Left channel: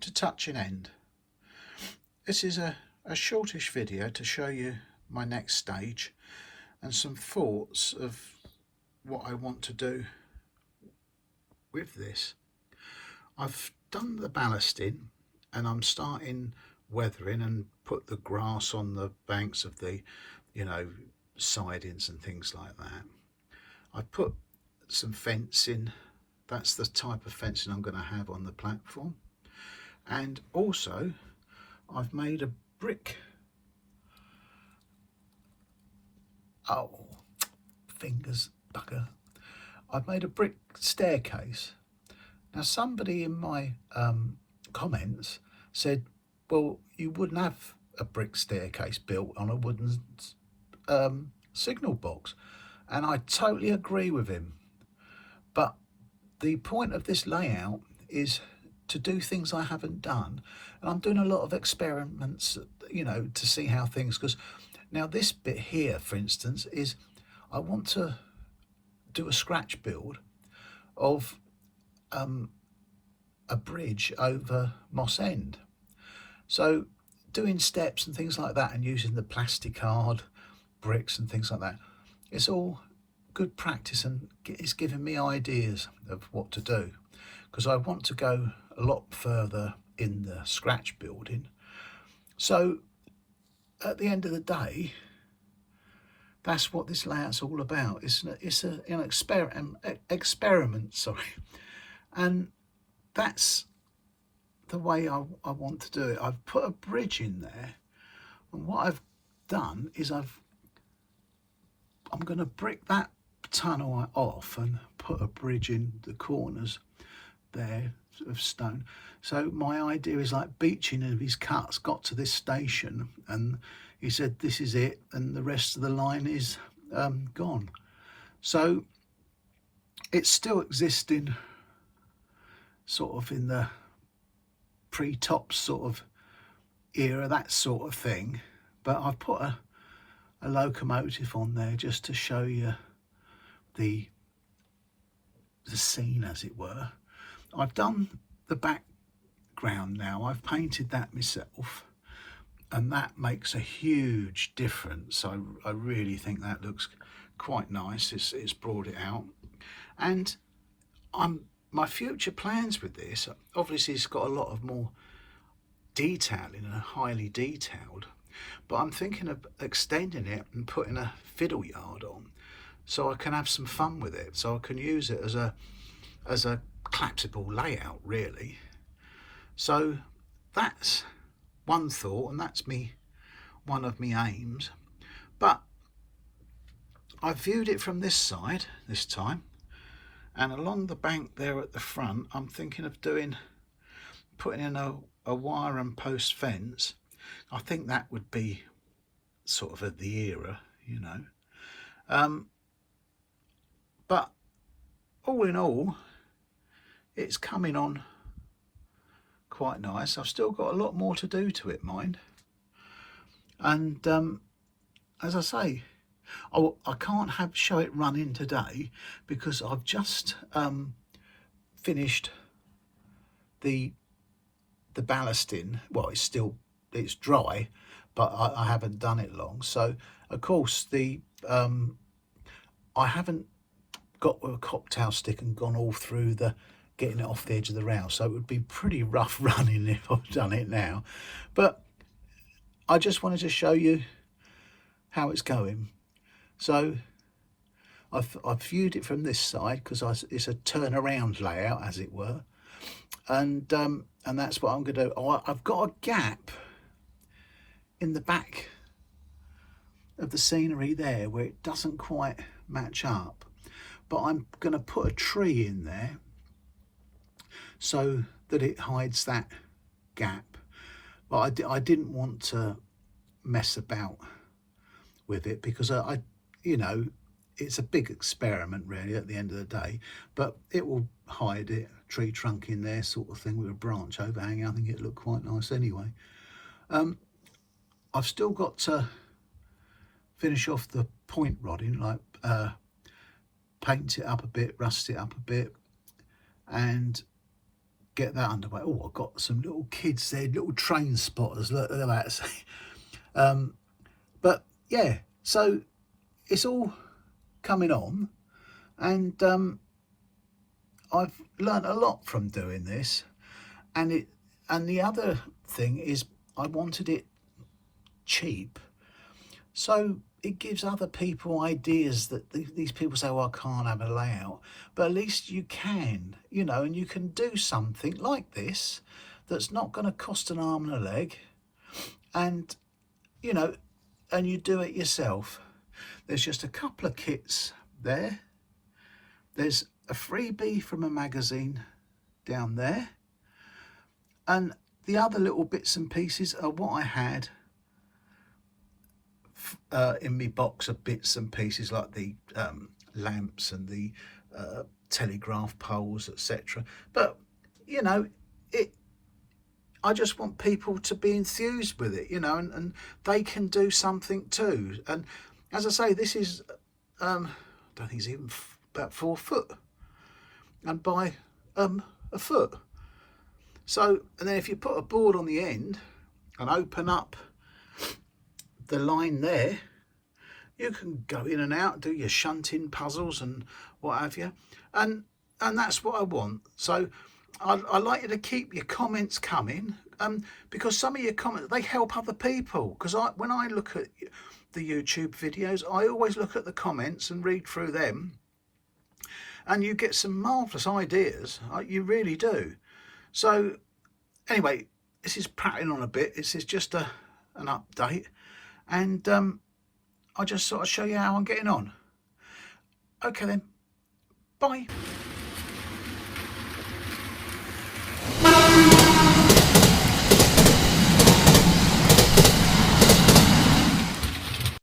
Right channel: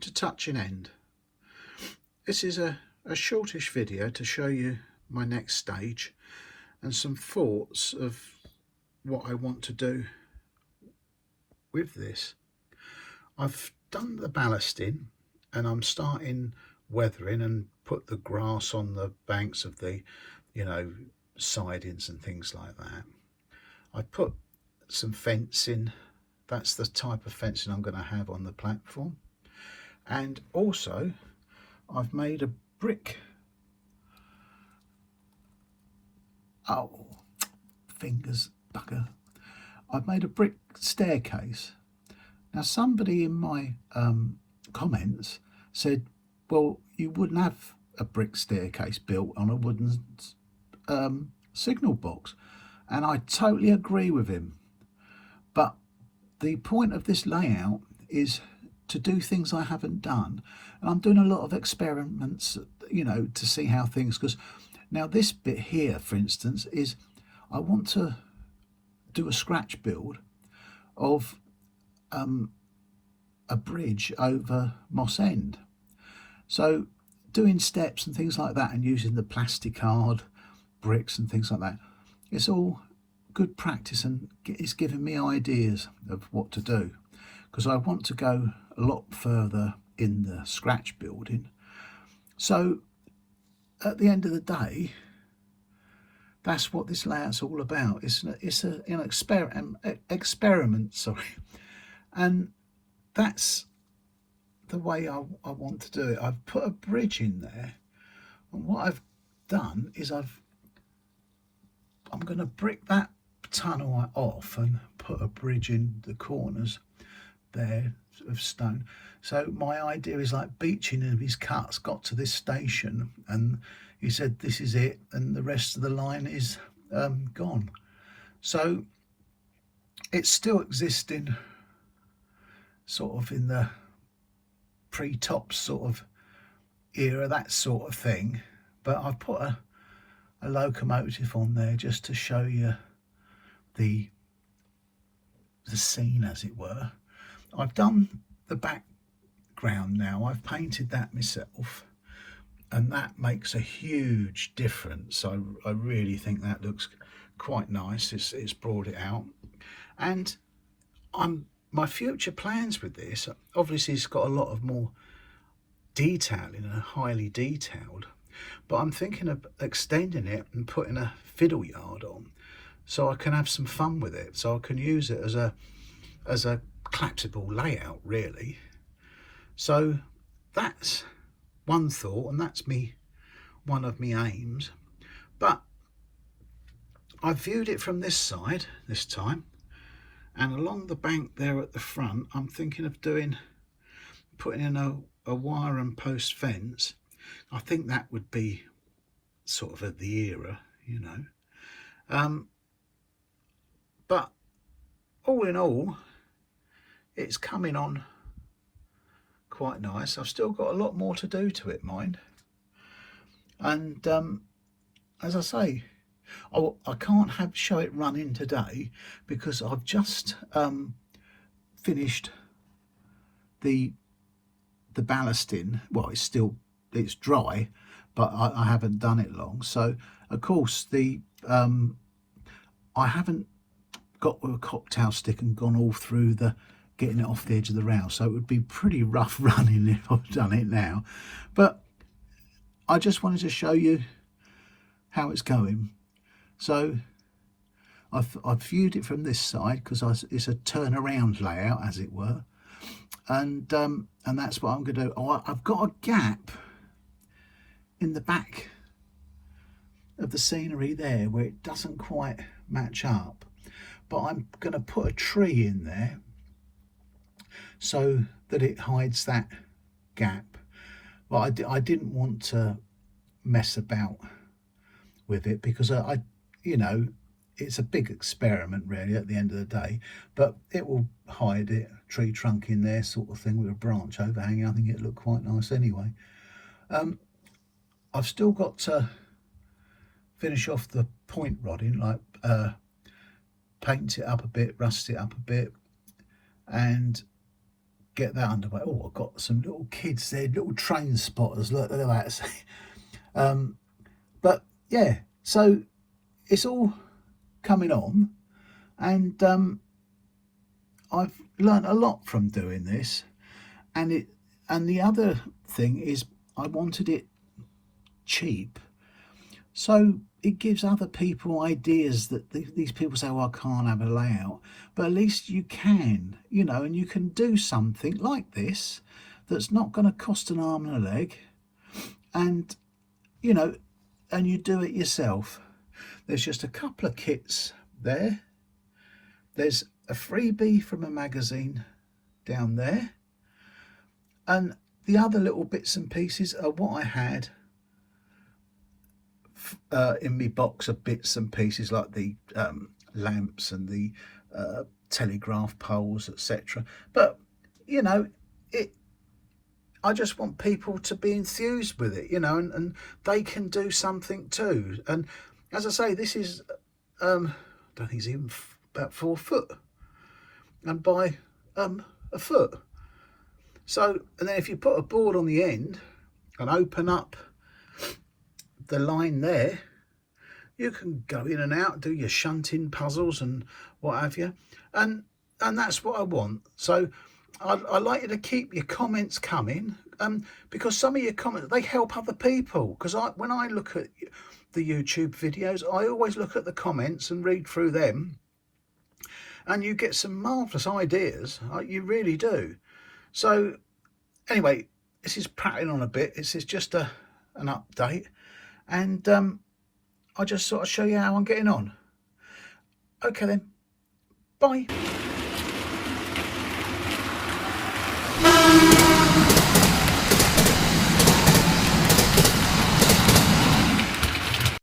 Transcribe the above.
to Touching End. This is a shortish video to show you my next stage and some thoughts of what I want to do with this. I've done the ballasting and I'm starting weathering and put the grass on the banks of the, sidings and things like that. I put some fencing. That's the type of fencing I'm going to have on the platform. And also I've made a brick, fingers bugger. I've made a brick staircase. Now somebody in my comments said, well, you wouldn't have a brick staircase built on a wooden signal box, and I totally agree with him. But the point of this layout is to do things I haven't done, and I'm doing a lot of experiments, to see how things, because now this bit here, for instance, is I want to do a scratch build of a bridge over Moss End. So doing steps and things like that and using the plasticard bricks and things like that, it's all good practice and it's giving me ideas of what to do, because I want to go a lot further in the scratch building. So at the end of the day, that's what this layout's all about. It's an experiment, sorry, and that's the way I want to do it. I've put a bridge in there, and what I've done is I'm going to brick that tunnel off and put a bridge in the corners there of stone. So my idea is like Beeching of his cuts got to this station and he said this is it, and the rest of the line is gone. So it's still existing sort of in the pre-tops sort of era, that sort of thing, but I've put a locomotive on there just to show you the scene, as it were. I've done the background now, I've painted that myself, and that makes a huge difference. I really think that looks quite nice. It's brought it out, and my future plans with this, obviously it's got a lot of more detail in a highly detailed, but I'm thinking of extending it and putting a fiddle yard on so I can have some fun with it, so I can use it as a collapsible layout really. So that's one thought, and that's one of my aims. But I viewed it from this side this time, and along the bank there at the front I'm thinking of putting in a wire and post fence. I think that would be sort of at the era, but all in all it's coming on quite nice. I've still got a lot more to do to it, mind, and as I say, I can't show it running today because I've just finished the ballasting. Well, it's dry, but I haven't done it long. So of course I haven't got a cocktail stick and gone all through getting it off the edge of the rail, so it would be pretty rough running if I've done it now. But I just wanted to show you how it's going. So I've viewed it from this side because it's a turnaround layout, as it were, and that's what I'm going to do. I've got a gap in the back of the scenery there where it doesn't quite match up, but I'm going to put a tree in there so that it hides that gap. But I didn't want to mess about with it because it's a big experiment really at the end of the day, but it will hide it, a tree trunk in there sort of thing with a branch overhanging. I think it looked quite nice anyway. I've still got to finish off the point rodding, like paint it up a bit, rust it up a bit, and get that underway. Oh, I've got some little kids there, little train spotters. Look at that. But yeah, so it's all coming on, and I've learnt a lot from doing this. And the other thing is, I wanted it cheap, so it gives other people ideas that these people say, well, I can't have a layout, but at least you can, you know, and you can do something like this that's not going to cost an arm and a leg, and you know, and you do it yourself. There's just a couple of kits there. There's a freebie from a magazine down there, and the other little bits and pieces are what I had in my box of bits and pieces, like the lamps and the telegraph poles, etc. But you know, I just want people to be enthused with it, you know, and they can do something too. And as I say, this is I don't think it's even about 4 foot, and by a foot. So, and then if you put a board on the end and open up the line there, you can go in and out, do your shunting puzzles and what have you, and that's what I want. So I'd like you to keep your comments coming, because some of your comments, they help other people. Because when I look at the YouTube videos, I always look at the comments and read through them, and you get some marvellous ideas. You really do. So anyway, this is prattling on a bit. This is just an update, and I just sort of show you how I'm getting on. Okay then, bye.